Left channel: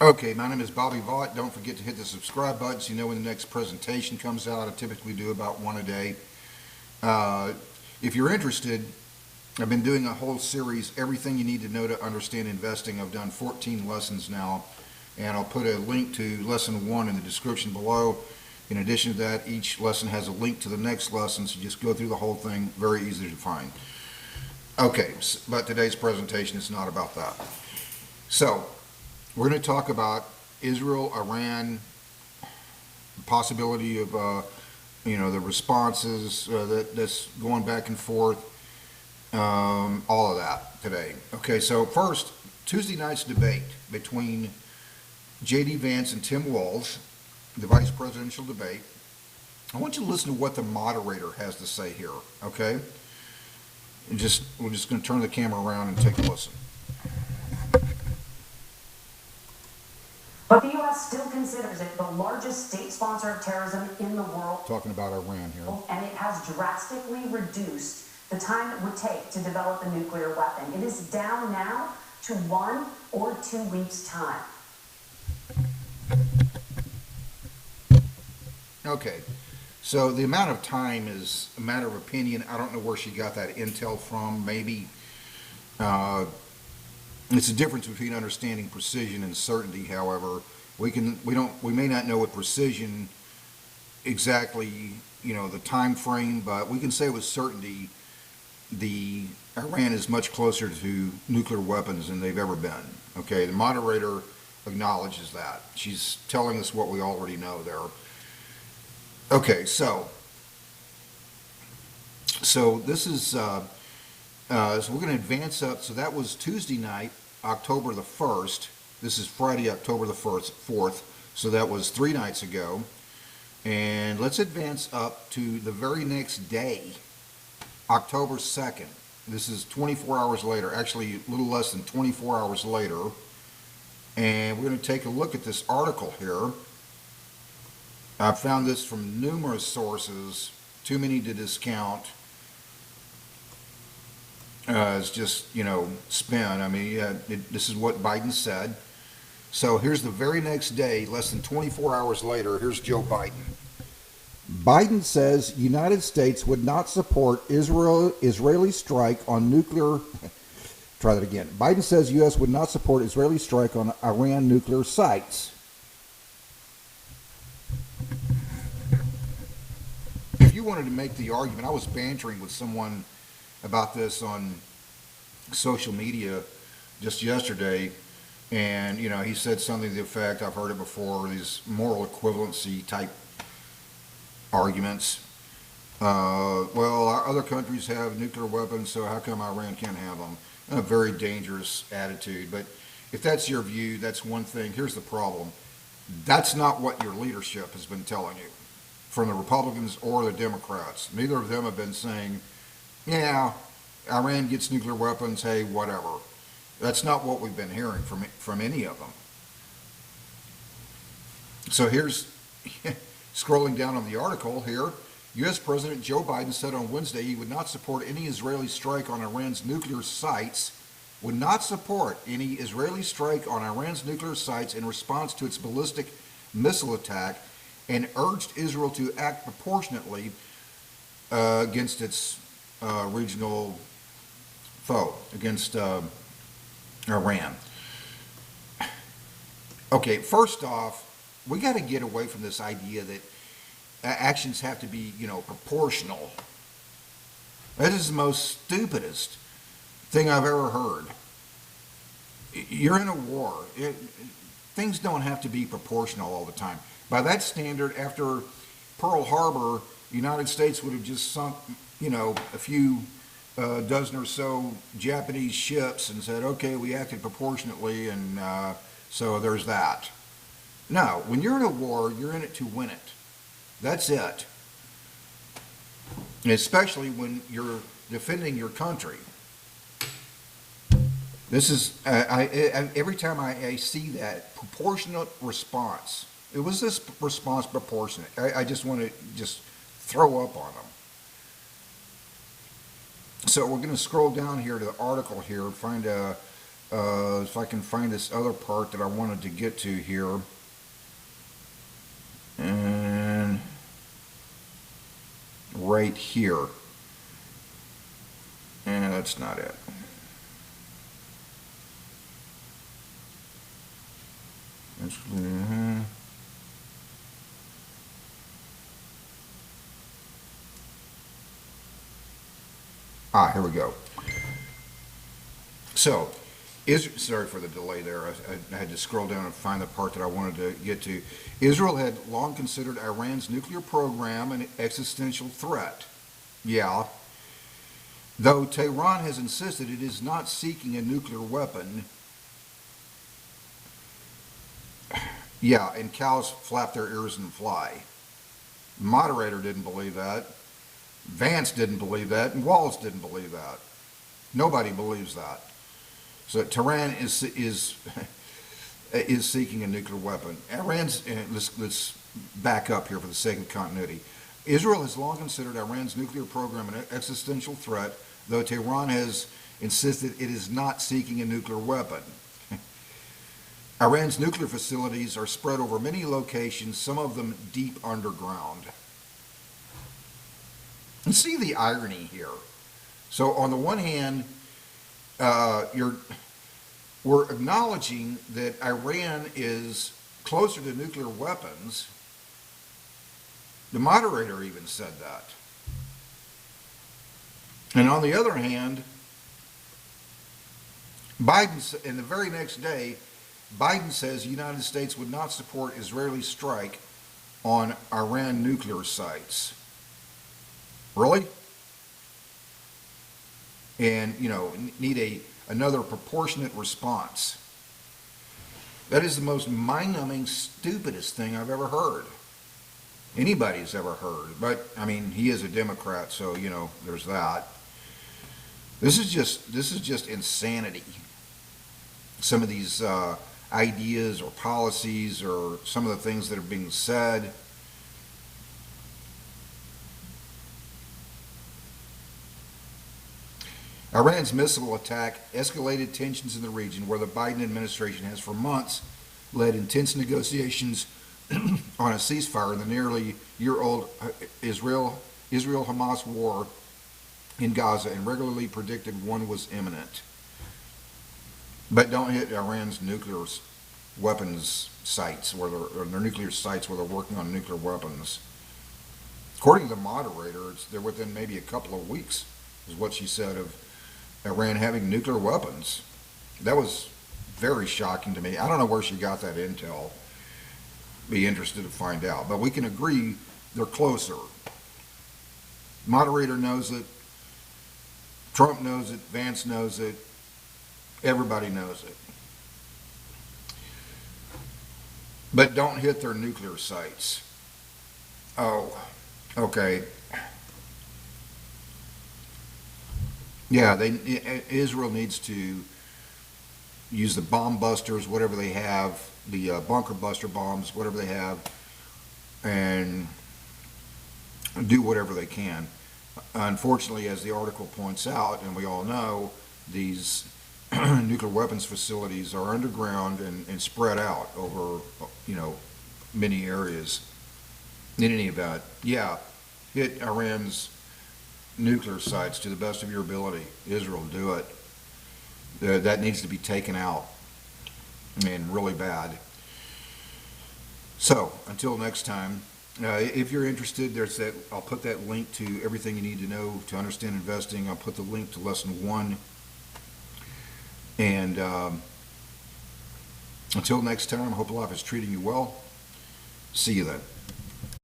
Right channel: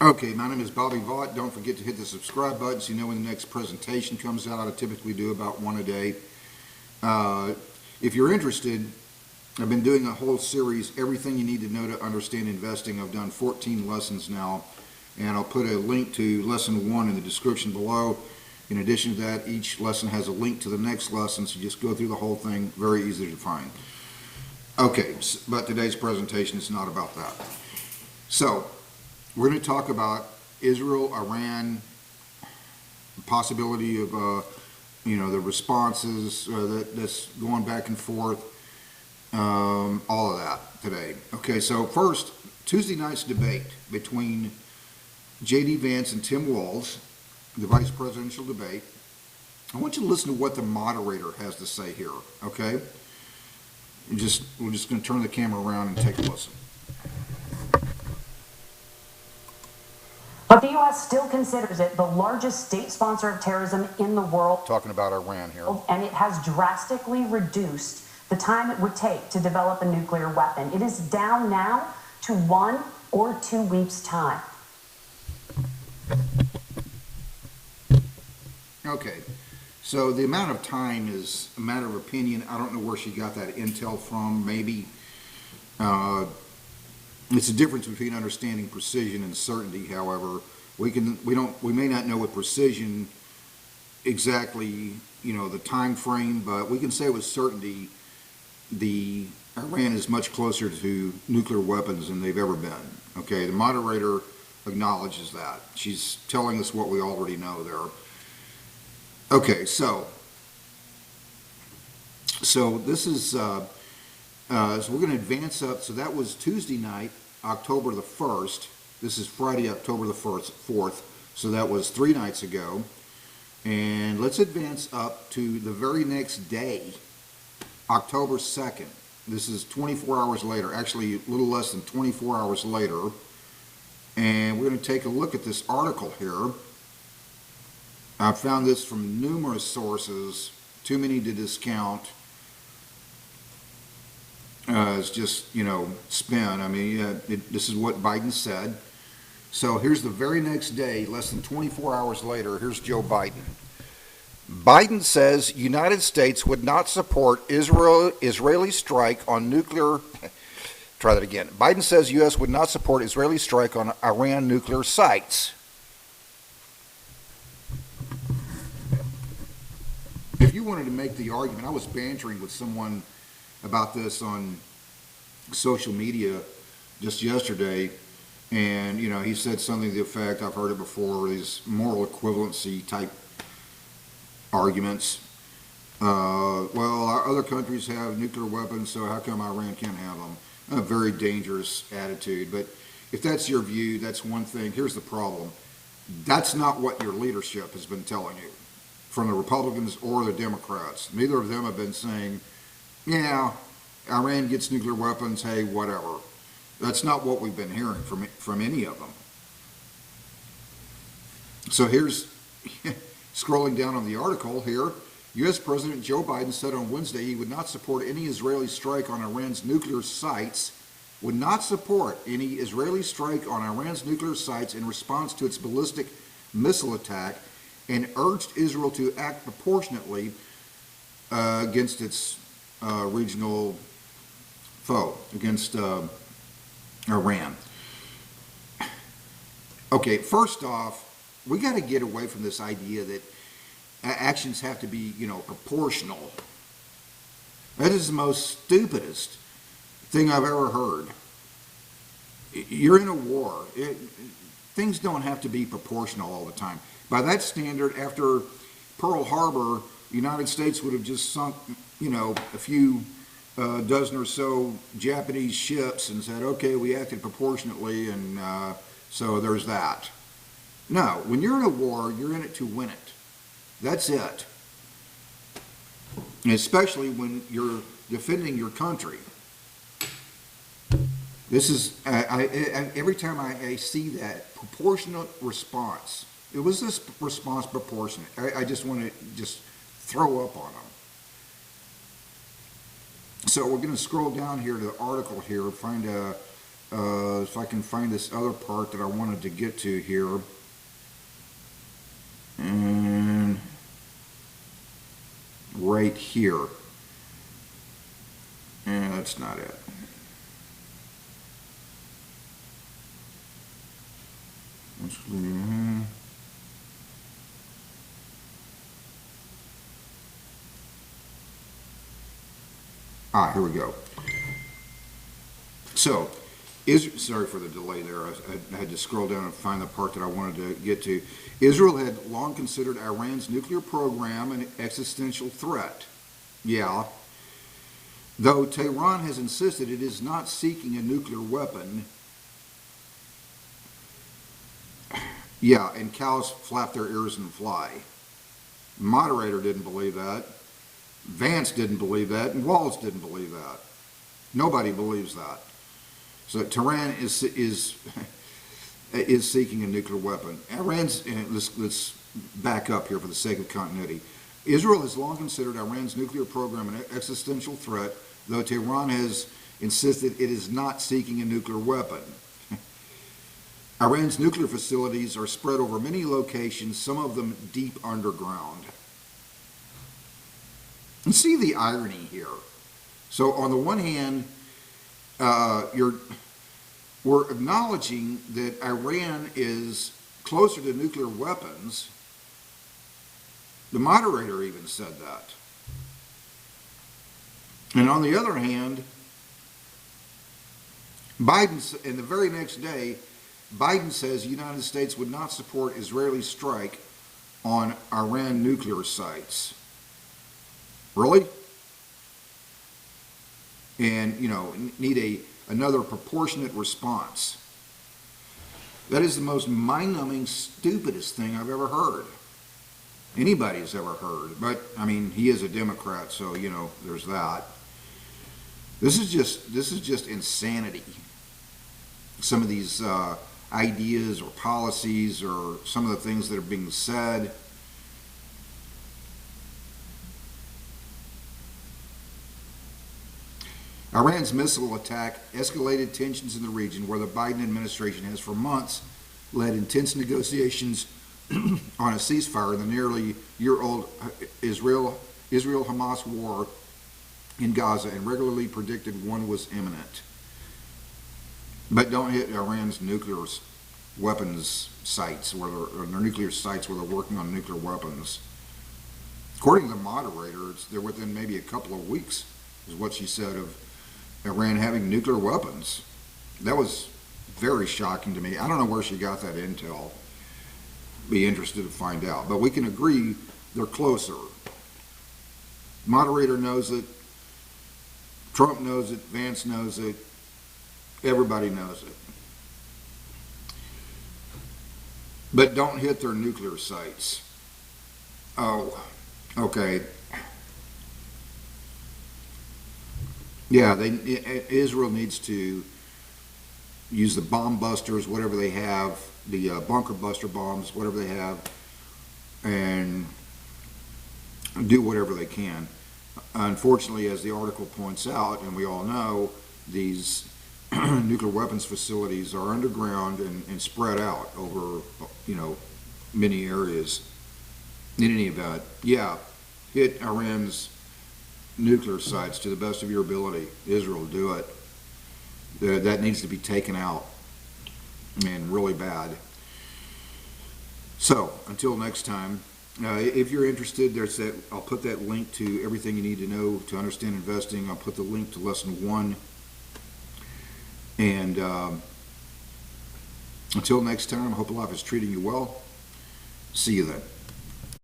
Okay, my name is Bobby Vaught. Don't forget to hit the subscribe button so you know when the next presentation comes out. I typically do about one a day. Uh, if you're interested, I've been doing a whole series, Everything You Need to Know to Understand Investing. I've done 14 lessons now, and I'll put a link to lesson 1 in the description below. In addition to that, each lesson has a link to the next lesson, so you just go through the whole thing, very easy to find. Okay, but today's presentation is not about that. So, we're going to talk about Israel, Iran, possibility of, the responses that's going back and forth, all of that today. Okay, so first, Tuesday night's debate between J.D. Vance and Tim Walz, the vice presidential debate. I want you to listen to what the moderator has to say here, okay? We're just going to turn the camera around and take a listen. But the U.S. still considers it the largest state sponsor of terrorism in the world. Talking about Iran here. And it has drastically reduced the time it would take to develop a nuclear weapon. It is down now to 1 or 2 weeks' time. Okay, so the amount of time is a matter of opinion. I don't know where she got that intel from. Maybe it's a difference between understanding precision and certainty. However, we may not know with precision exactly, the time frame, but we can say with certainty the Iran is much closer to nuclear weapons than they've ever been. Okay, the moderator acknowledges that. She's telling us what we already know there. Okay, so this is, so we're going to advance up. So that was Tuesday night, October the 1st. This is Friday, October the 4th. So that was 3 nights ago. And let's advance up to the very next day, October 2nd. This is 24 hours later, actually a little less than 24 hours later. And we're going to take a look at this article here. I found this from numerous sources, too many to discount. It's just, spin. I mean, this is what Biden said. So here's the very next day, less than 24 hours later, here's Joe Biden. Biden says United States would not support Israeli strike on nuclear, try that again. Biden says U.S. would not support Israeli strike on Iran nuclear sites. If you wanted to make the argument, I was bantering with someone about this on social media just yesterday, and he said something to the effect, I've heard it before, these moral equivalency type arguments. Well, our other countries have nuclear weapons, so how come Iran can't have them? A very dangerous attitude, but if that's your view, that's one thing. Here's the problem. That's not what your leadership has been telling you, from the Republicans or the Democrats. Neither of them have been saying, yeah, Iran gets nuclear weapons, hey, whatever. That's not what we've been hearing from any of them. So here's, scrolling down on the article here, U.S. President Joe Biden said on Wednesday he would not support any Israeli strike on Iran's nuclear sites, would not support any Israeli strike on Iran's nuclear sites in response to its ballistic missile attack, and urged Israel to act proportionately against its regional foe, against Iran. Okay, first off, we got to get away from this idea that actions have to be, proportional. That is the most stupidest thing I've ever heard. You're in a war. Things don't have to be proportional all the time. By that standard, after Pearl Harbor, the United States would have just sunk, a few dozen or so Japanese ships and said, okay, we acted proportionately, and so there's that. No, when you're in a war, you're in it to win it. That's it. And especially when you're defending your country. This is, every time I see that, proportionate response. It was this response proportionate? I just want to just throw up on them. So we're going to scroll down here to the article here, find if I can find this other part that I wanted to get to here. And right here. And that's not it. Here we go. So, sorry for the delay there. I had to scroll down and find the part that I wanted to get to. Israel had long considered Iran's nuclear program an existential threat. Yeah. Though Tehran has insisted it is not seeking a nuclear weapon. Yeah, and cows flap their ears and fly. Moderator didn't believe that. Vance didn't believe that, and Wallace didn't believe that. Nobody believes that. So Tehran is seeking a nuclear weapon. Let's back up here for the sake of continuity. Israel has long considered Iran's nuclear program an existential threat, though Tehran has insisted it is not seeking a nuclear weapon. Iran's nuclear facilities are spread over many locations, some of them deep underground. And see the irony here. So on the one hand, we're acknowledging that Iran is closer to nuclear weapons. The moderator even said that. And on the other hand, Biden, and the very next day, Biden says the United States would not support Israeli strike on Iran nuclear sites. Really? And, need another proportionate response. That is the most mind-numbing, stupidest thing I've ever heard. Anybody's ever heard. But, he is a Democrat, so, there's that. This is just insanity. Some of these ideas or policies or some of the things that are being said. Iran's missile attack escalated tensions in the region where the Biden administration has for months led intense negotiations on a ceasefire in the nearly year-old Israel-Hamas war in Gaza and regularly predicted one was imminent. But don't hit Iran's nuclear weapons sites, or their nuclear sites where they're working on nuclear weapons. According to the moderator, they're within maybe a couple of weeks, is what she said, of Iran having nuclear weapons. That was very shocking to me. I don't know where she got that intel. Be interested to find out. But we can agree they're closer. Moderator knows it. Trump knows it. Vance knows it. Everybody knows it. But don't hit their nuclear sites. Oh, okay. Yeah, Israel needs to use the bomb busters, whatever they have, the bunker buster bombs, whatever they have, and do whatever they can. Unfortunately, as the article points out, and we all know, these nuclear weapons facilities are underground and spread out over, many areas. In any event, yeah, hit Iran's nuclear sites to the best of your ability. Israel, do it. That needs to be taken out, and really bad. So until next time, if you're interested, I'll put that link to everything you need to know to understand investing. I'll put the link to lesson 1. And until next time, I hope life is treating you well. See you then.